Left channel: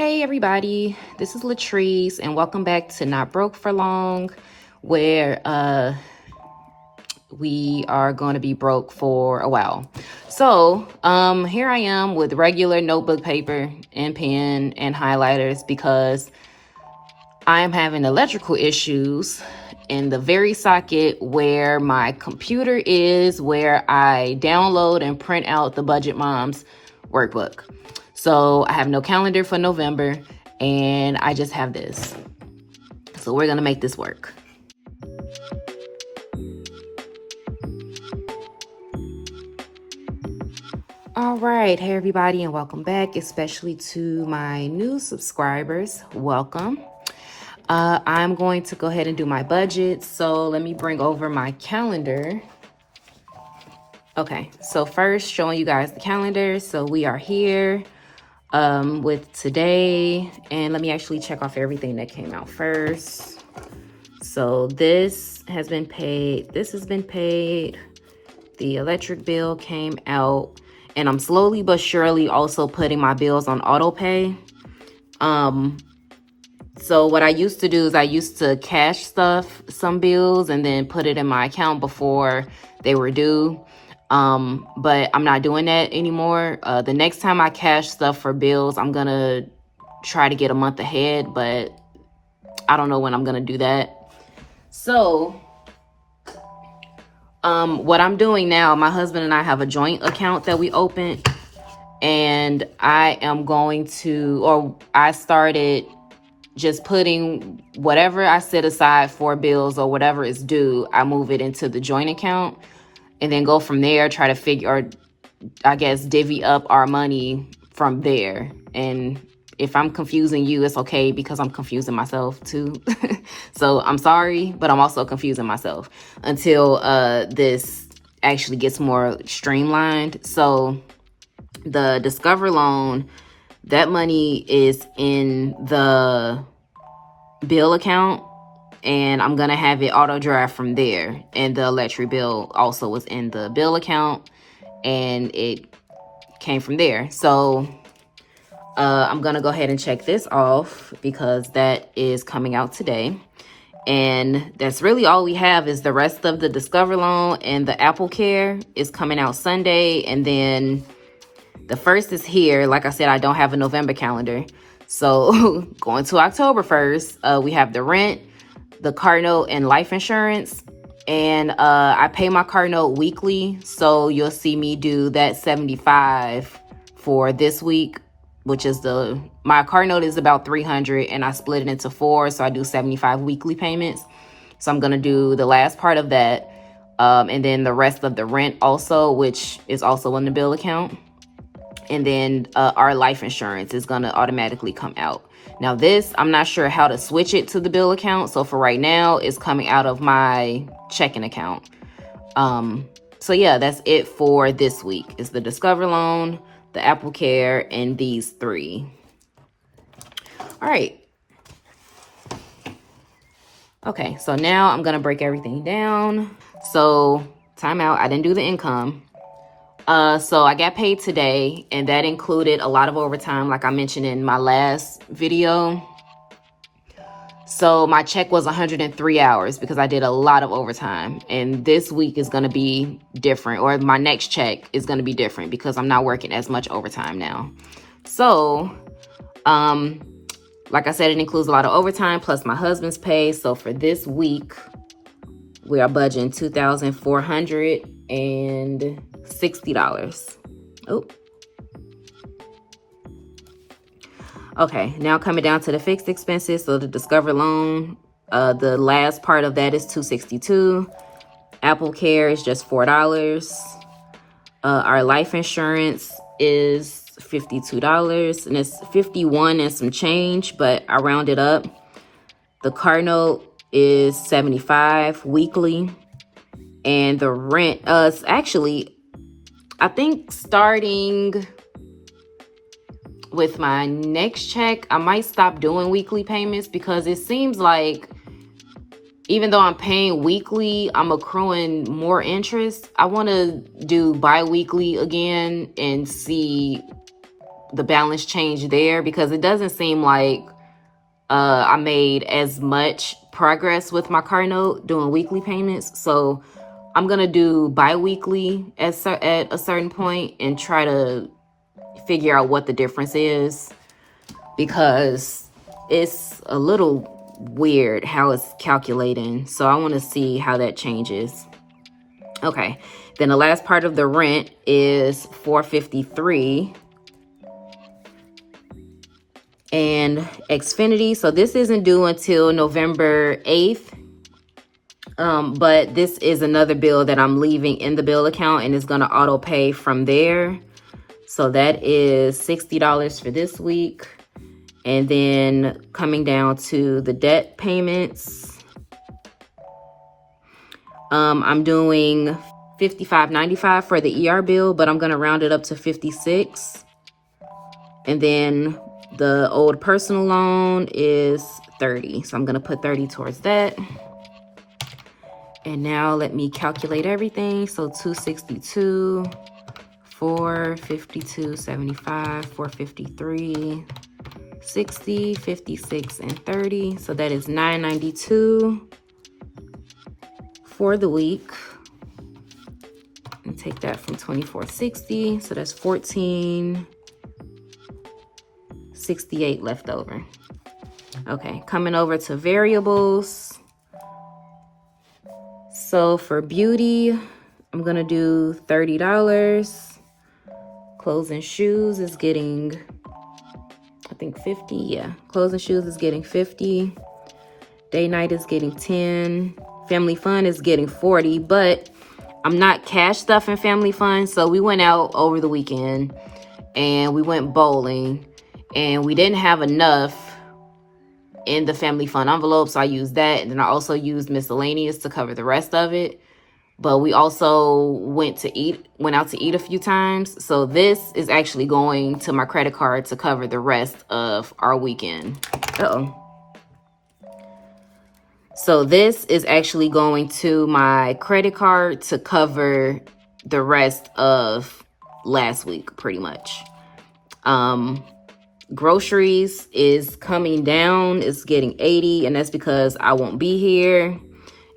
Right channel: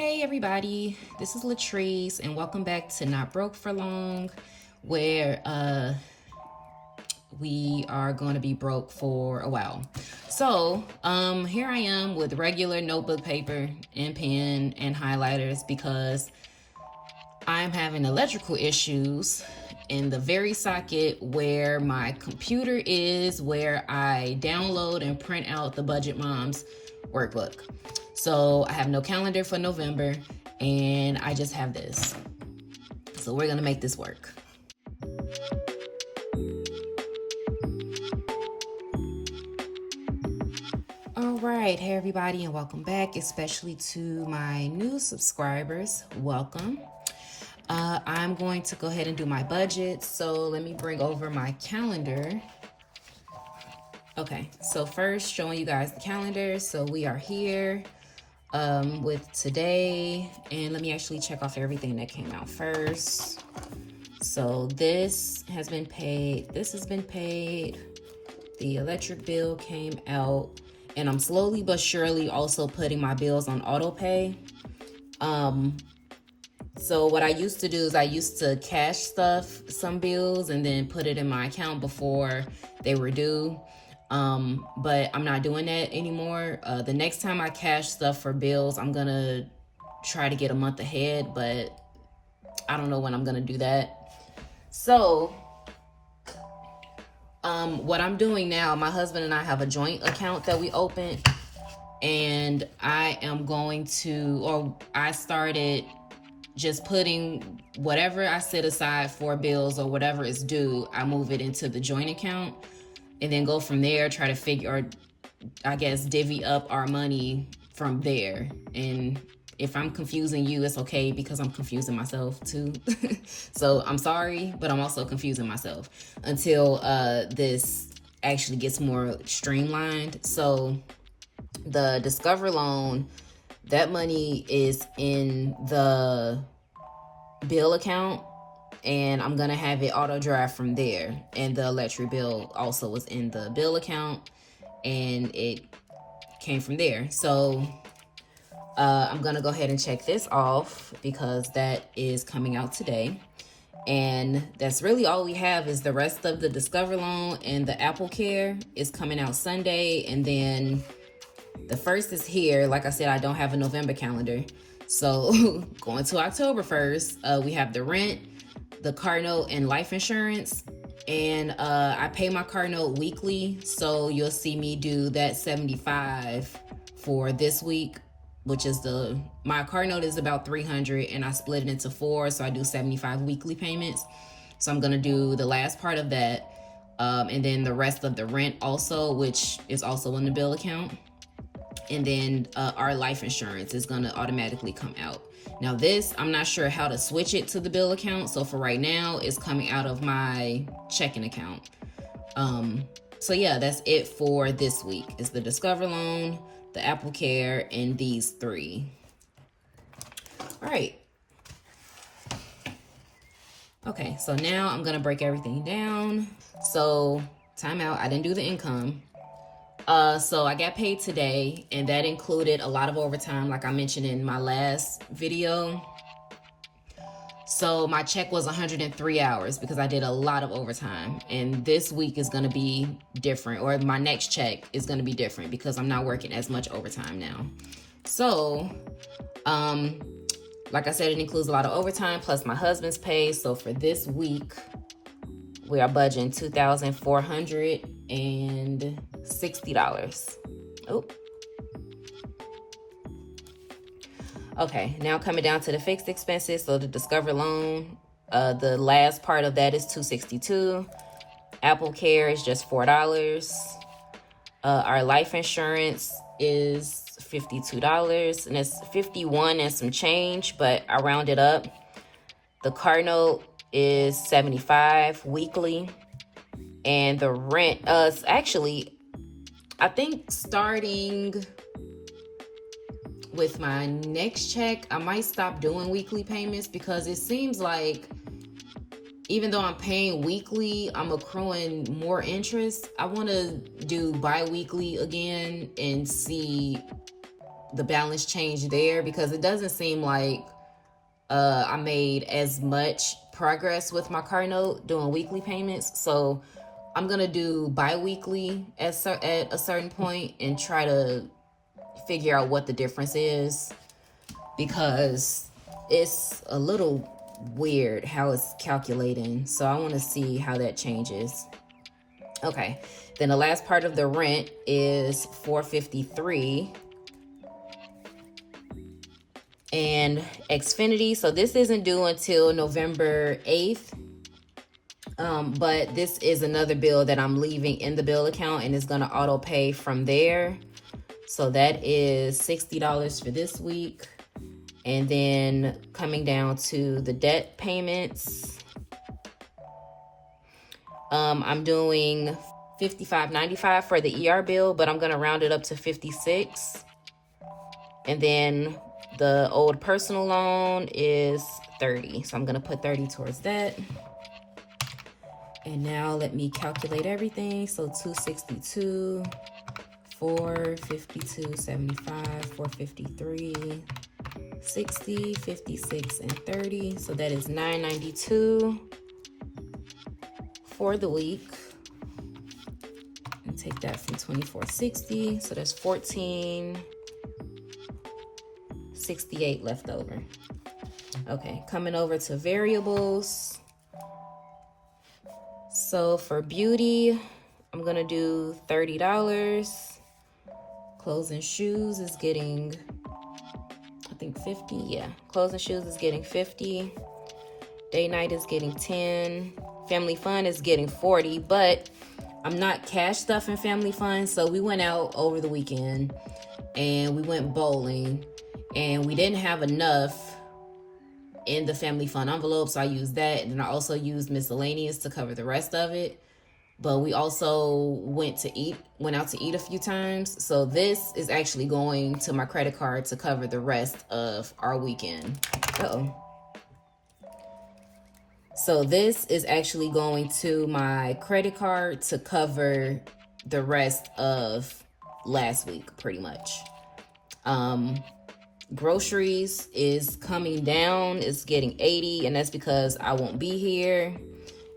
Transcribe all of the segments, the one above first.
Hey everybody, this is Latrice and welcome back to Not Broke for Long, where we are going to be broke for a while. So here I am with regular notebook paper and pen and highlighters because I am having electrical issues in the very socket where my computer is, where I download and print out the Budget Moms workbook. So I have no calendar for November and I just have this. So we're gonna make this work. All right, hey everybody, and welcome back, especially to my new subscribers. Welcome. I'm going to go ahead and do my budget. So let me bring over my calendar. Okay, so first showing you guys the calendar. So we are here with today, and let me actually check off everything that came out first. So this has been paid, this has been paid, the electric bill came out, and I'm slowly but surely also putting my bills on auto pay. So what I used to do is I used to cash some bills and then put it in my account before they were due. But I'm not doing that anymore. The next time I cash stuff for bills, I'm gonna try to get a month ahead, but I don't know when I'm gonna do that. So, what I'm doing now, my husband and I have a joint account that we opened, and I started just putting whatever I set aside for bills or whatever is due, I move it into the joint account. And then go from there, try to divvy up our money from there. And if I'm confusing you, it's okay because I'm confusing myself too. So I'm sorry, but I'm also confusing myself until this actually gets more streamlined. So the Discover loan, that money is in the bill account, and I'm gonna have it auto draft from there. And the electric bill also was in the bill account and it came from there. So I'm gonna go ahead and check this off because that is coming out today. And that's really all we have is the rest of the Discover loan, and the Apple Care is coming out Sunday. And then the first is here. Like I said, I don't have a November calendar. So going to October 1st, we have the rent, the car note, and life insurance. And I pay my car note weekly, so you'll see me do that $75 for this week, which is my car note is about $300, and I split it into 4, so I do 75 weekly payments. So I'm gonna do the last part of that, and then the rest of the rent also, which is also in the bill account. And then our life insurance is gonna automatically come out. Now this, I'm not sure how to switch it to the bill account. So for right now, it's coming out of my checking account. So yeah, that's it for this week. It's the Discover loan, the Apple Care, and these 3. All right. Okay, so now I'm gonna break everything down. So time out, I didn't do the income. So I got paid today, and that included a lot of overtime, like I mentioned in my last video. So my check was 103 hours because I did a lot of overtime. And this week is going to be different, or my next check is going to be different because I'm not working as much overtime now. So, like I said, it includes a lot of overtime plus my husband's pay. So for this week, we are budgeting $2,460. Oh. Okay, now coming down to the fixed expenses. So the Discover loan, the last part of that is $262. Apple Care is just $4. Our life insurance is $52, and it's $51 and some change, but I rounded up. The car note is $75 weekly, and the rent is actually, I think starting with my next check, I might stop doing weekly payments because it seems like even though I'm paying weekly, I'm accruing more interest. I want to do bi-weekly again and see the balance change there, because it doesn't seem like I made as much progress with my car note doing weekly payments. So I'm gonna do bi-weekly at a certain point and try to figure out what the difference is, because it's a little weird how it's calculating. So I want to see how that changes. Okay, then the last part of the rent is $453. And Xfinity, so this isn't due until November 8th. But this is another bill that I'm leaving in the bill account, and it's gonna auto pay from there. So that is $60 for this week. And then coming down to the debt payments, I'm doing $55.95 for the ER bill, but I'm gonna round it up to $56. And then the old personal loan is $30. So I'm gonna put $30 towards that. And now let me calculate everything. So 262, 452, 75, 453, 60, 56, and 30. So that is $992 for the week. And take that from 2460. So that's $1468 left over. Okay, coming over to variables. So for beauty, I'm gonna do $30. Clothes and shoes is getting, I think 50, yeah. Clothes and shoes is getting 50. Day night is getting 10. Family fun is getting 40, but I'm not cash stuffing family fun. So we went out over the weekend and we went bowling, and we didn't have enough in the family fun envelope, so I used that, and then I also used miscellaneous to cover the rest of it. But we also went out to eat a few times, so this is actually going to my credit card to cover the rest of our weekend. So this is actually going to my credit card to cover the rest of last week, pretty much. Groceries is coming down. It's getting 80, and that's because I won't be here.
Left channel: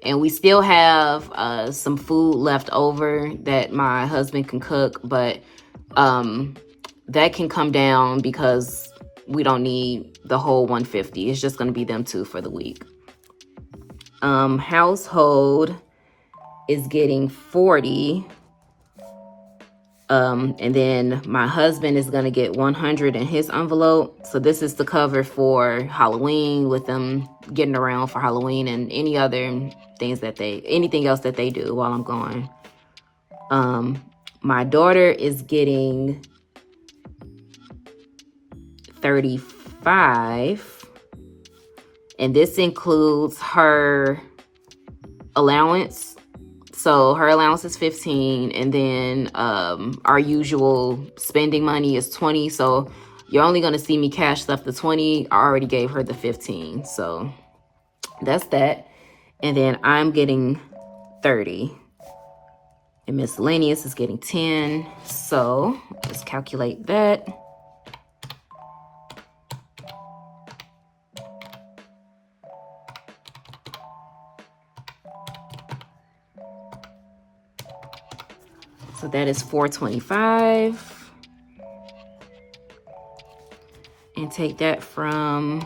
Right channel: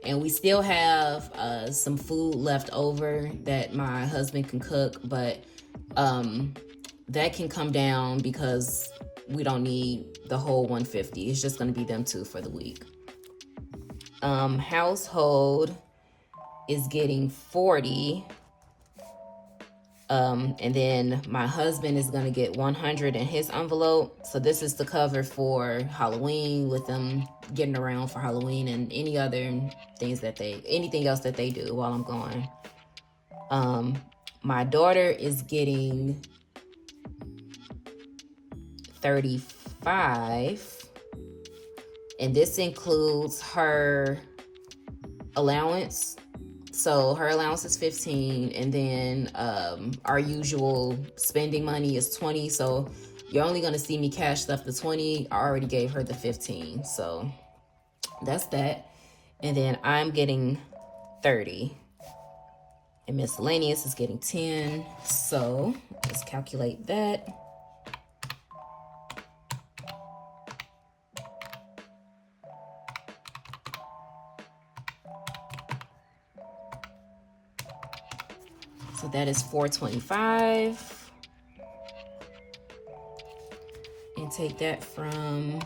And we still have some food left over that my husband can cook, but that can come down because we don't need the whole 150. It's just going to be them two for the week. Household is getting 40. And then my husband is going to get 100 in his envelope. So this is to cover for Halloween, with them getting around for Halloween and any other things anything else that they do while I'm gone. My daughter is getting 35. And this includes her allowance. So her allowance is 15, and then our usual spending money is 20. So you're only gonna see me cash stuff the 20. I already gave her the 15. So that's that. And then I'm getting 30. And miscellaneous is getting 10. So let's calculate that. So that is $425. And take that from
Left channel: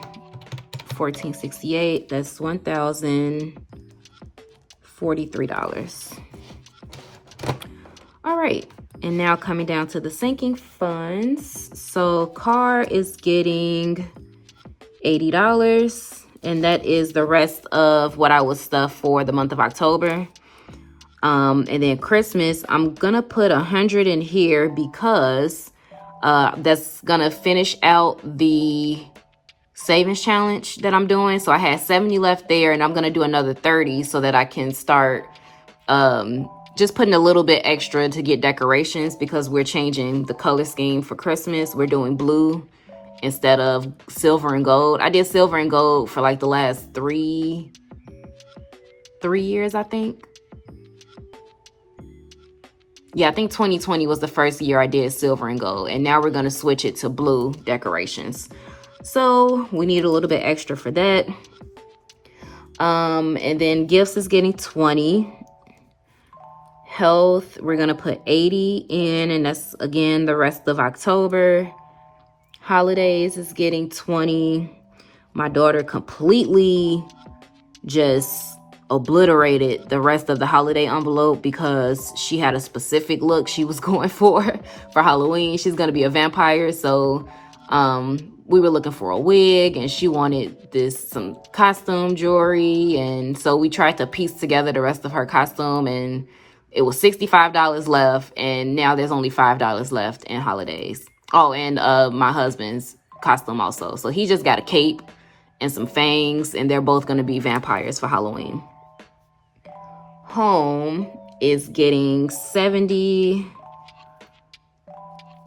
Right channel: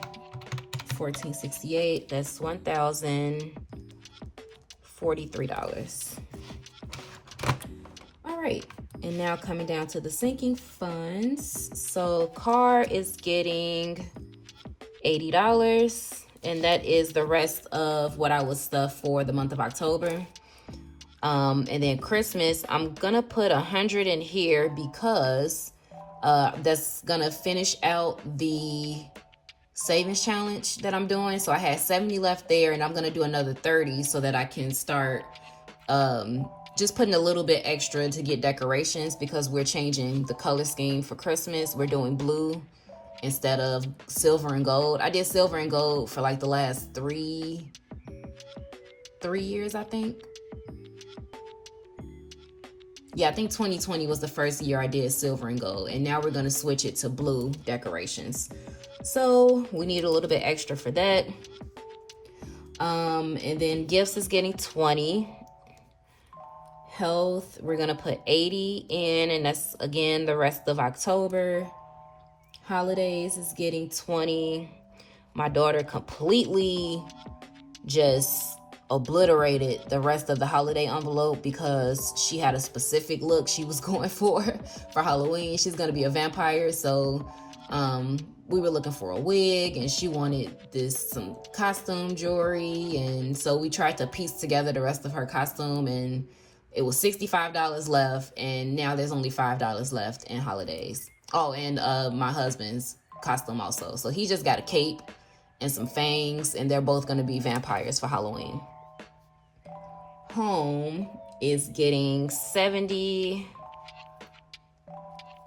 $1,468. That's $1,043. All right. And now coming down to the sinking funds. So car is getting $80. And that is the rest of what I was stuffed for the month of October. And then Christmas, I'm gonna put 100 in here because that's gonna finish out the savings challenge that I'm doing. So I had 70 left there, and I'm gonna do another 30 so that I can start just putting a little bit extra to get decorations, because we're changing the color scheme for Christmas. We're doing blue instead of silver and gold. I did silver and gold for like the last three years, I think. Yeah, I think 2020 was the first year I did silver and gold, and now we're gonna switch it to blue decorations. So we need a little bit extra for that. And then gifts is getting 20. Health, we're gonna put 80 in, and that's again the rest of October. Holidays is getting 20. My daughter completely just obliterated the rest of the holiday envelope because she had a specific look she was going for Halloween. She's gonna be a vampire, so we were looking for a wig, and she wanted some costume jewelry, and so we tried to piece together the rest of her costume, and it was $65 left, and now there's only $5 left in holidays. Oh, and my husband's costume also. So he just got a cape and some fangs, and they're both gonna be vampires for Halloween. Home is getting 70.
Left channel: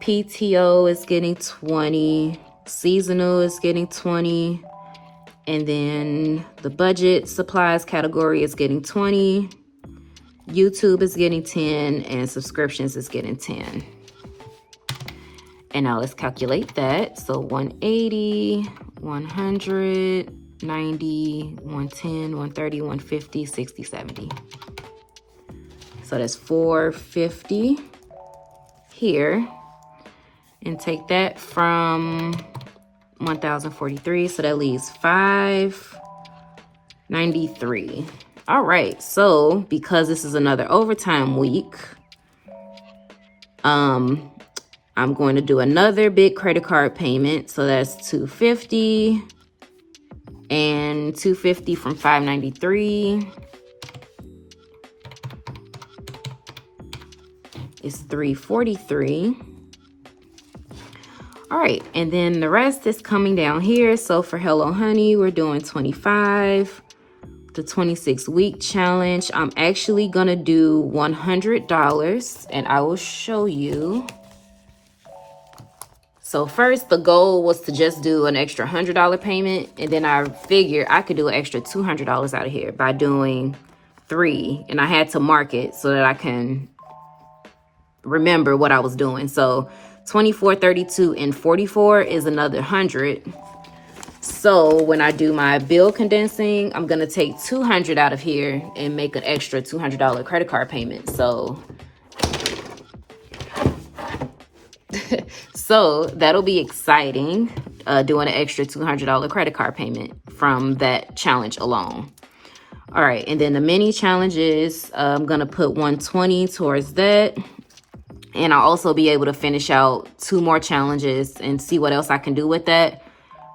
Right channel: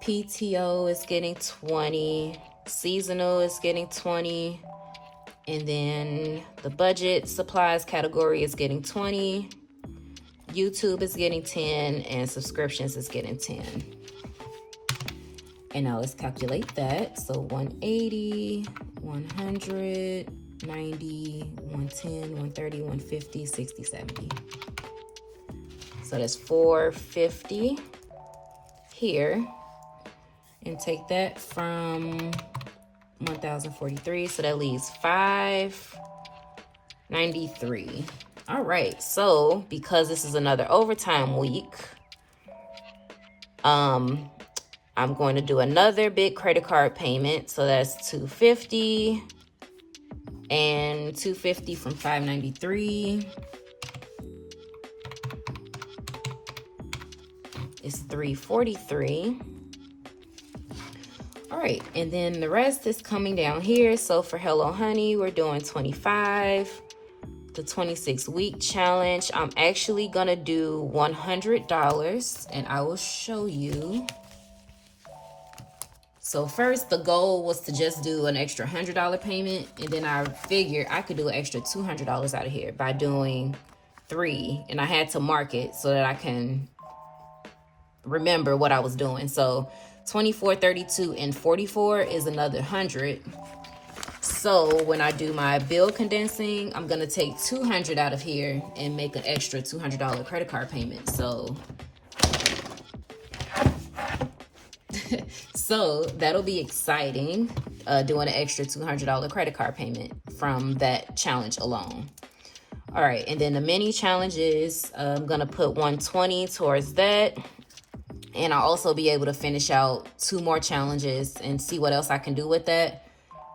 PTO is getting 20. Seasonal is getting 20. And then the budget supplies category is getting 20. YouTube is getting 10, and subscriptions is getting 10. And now let's calculate that. So 180, 100, 90, 110, 130, 150, 60, 70. So that's 450 here. And take that from 1,043, so that leaves 593. All right, so because this is another overtime week, I'm going to do another big credit card payment. So that's 250 and 250 from 593 is 343. All right, and then the rest is coming down here. So for Hello Honey, we're doing 25. The 26-week challenge, I'm actually gonna do $100, and I will show you. So first, the goal was to just do an extra $100 payment, and then I figured I could do an extra $200 out of here by doing 3, and I had to mark it so that I can remember what I was doing. So 24, 32, and 44 is another 100. So when I do my bill condensing, I'm gonna take 200 out of here and make an extra $200 credit card payment. So, so that'll be exciting, doing an extra $200 credit card payment from that challenge alone. All right, and then the mini challenges, I'm gonna put 120 towards that. And I'll also be able to finish out 2 more challenges and see what else I can do with that.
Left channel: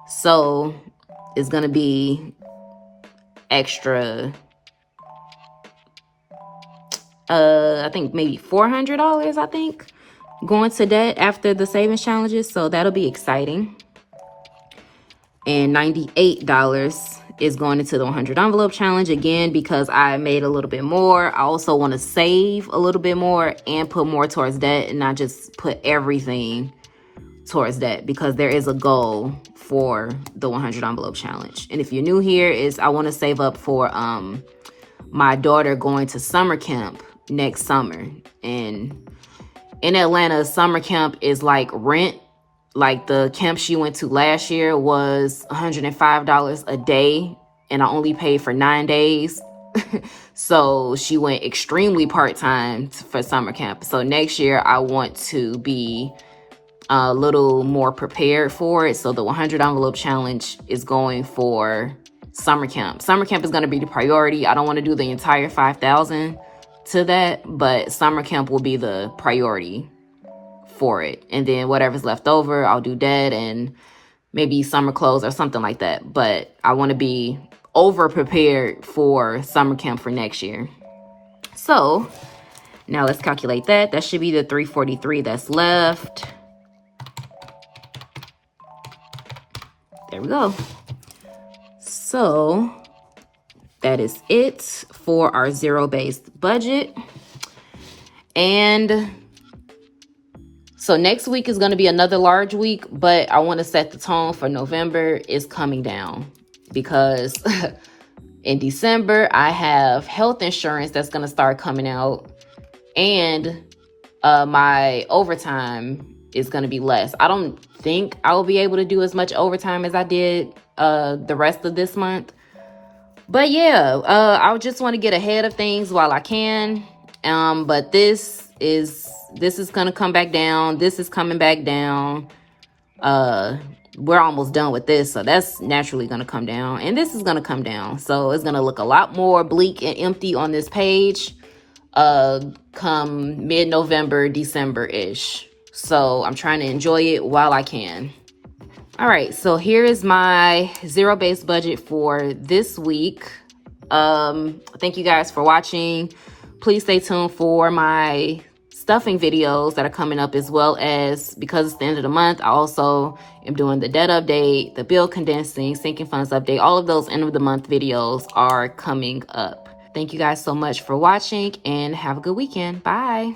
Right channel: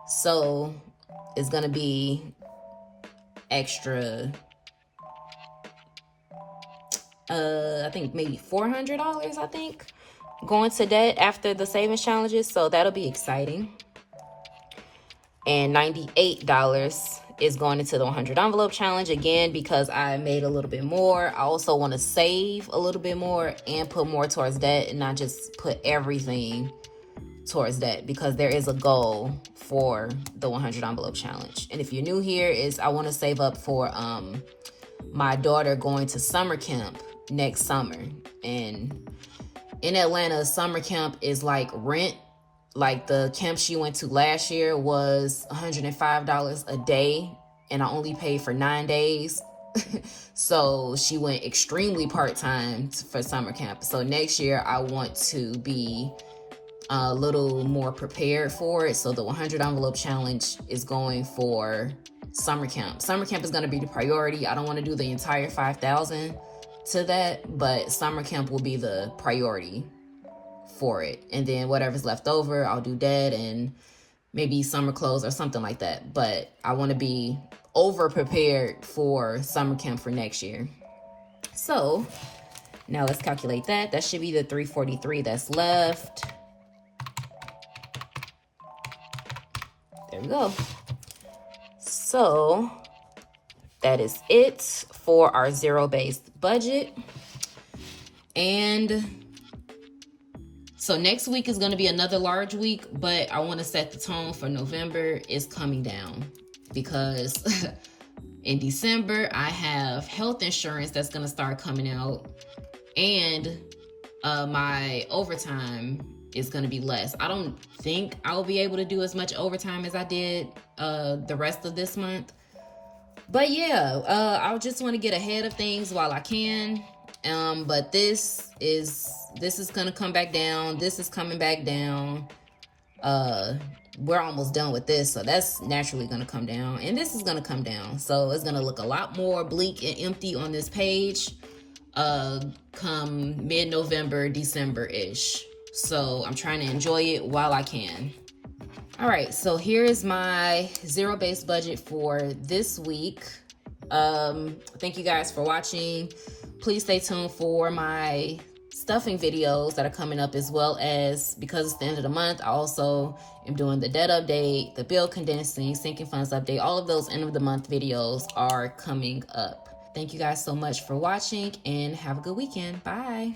So it's gonna be extra, I think maybe $400, I think, going to that after the savings challenges. So that'll be exciting. And $98 is going into the 100 envelope challenge again, because I made a little bit more. I also want to save a little bit more and put more towards that, and not just put everything towards that, because there is a goal for the 100 envelope challenge. And if you're new here, is I want to save up for my daughter going to summer camp next summer. And in Atlanta, summer camp is like rent. Like the camp she went to last year was $105 a day, and I only paid for 9 days. So she went extremely part-time for summer camp. So next year I want to be a little more prepared for it. So the 100 envelope challenge is going for summer camp. Summer camp is going to be the priority. I don't want to do the entire 5,000 to that, but summer camp will be the priority for it. And then whatever's left over, I'll do that and maybe summer clothes or something like that. But I want to be over prepared for summer camp for next year. So now let's calculate that. That should be the 343 that's left. There we go. So that is it for our zero-based budget. And so next week is going to be another large week, but I want to set the tone for November is coming down, because in December, I have health insurance that's going to start coming out. And my overtime is going to be less. I don't think I will be able to do as much overtime as I did the rest of this month. But yeah, I just want to get ahead of things while I can. But this is going to come back down. This is coming back down. We're almost done with this, so that's naturally going to come down, and this is going to come down, so it's going to look a lot more bleak and empty on this page come mid-November, December-ish. So I'm trying to enjoy it while I can. All right, so here is my zero-based budget for this week. Thank you guys for watching. Please stay tuned for my stuffing videos that are coming up, as well as, because it's the end of the month, I also am doing the debt update, the bill condensing, sinking funds update. All of those end of the month videos are coming up. Thank you guys so much for watching, and have a good weekend. Bye.